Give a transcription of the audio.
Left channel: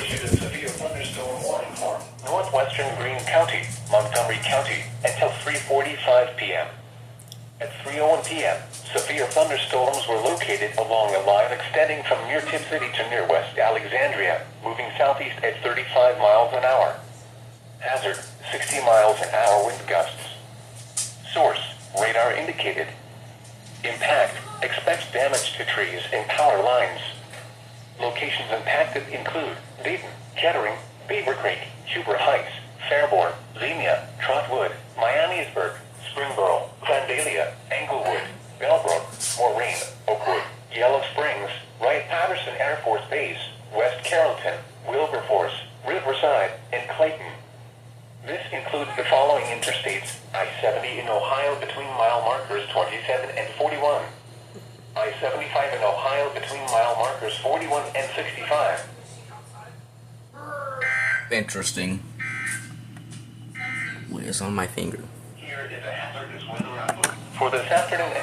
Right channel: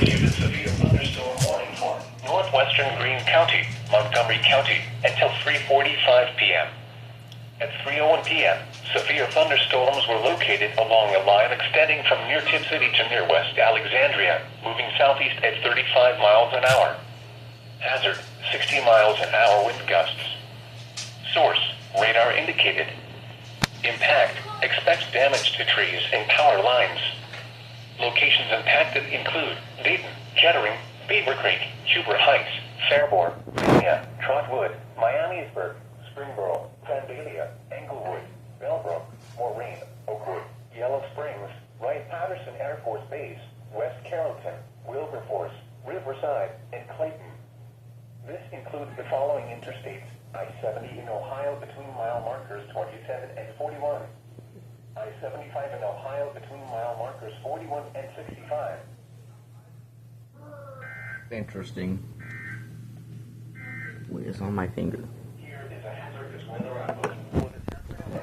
issued a severe thunderstorm warning for northwestern Greene County, Montgomery County, until 3:45 p.m. At 3:01 p.m., severe thunderstorms were located along a line extending from near Tip City to near West Alexandria, moving southeast at 35 miles an hour. Hazard, 60 miles an hour wind gusts. Source, radar indicated. Impact, expects damage to trees and power lines. Locations impacted include Dayton, Kettering, Beaver Creek, Huber Heights, Fairborn, Xenia, Trotwood, Miamisburg, Springboro, Vandalia, Englewood, Bellbrook, Maureen, Oakwood, Yellow Springs, Wright-Patterson Air Force Base, West Carrollton, Wilberforce, Riverside, and Clayton. This includes the following interstates: I-70 in Ohio between mile markers 27 and 41. I-75 in Ohio between mile markers 41 and 65. Interesting. It's on my finger. Here is a hazardous weather outlook for this afternoon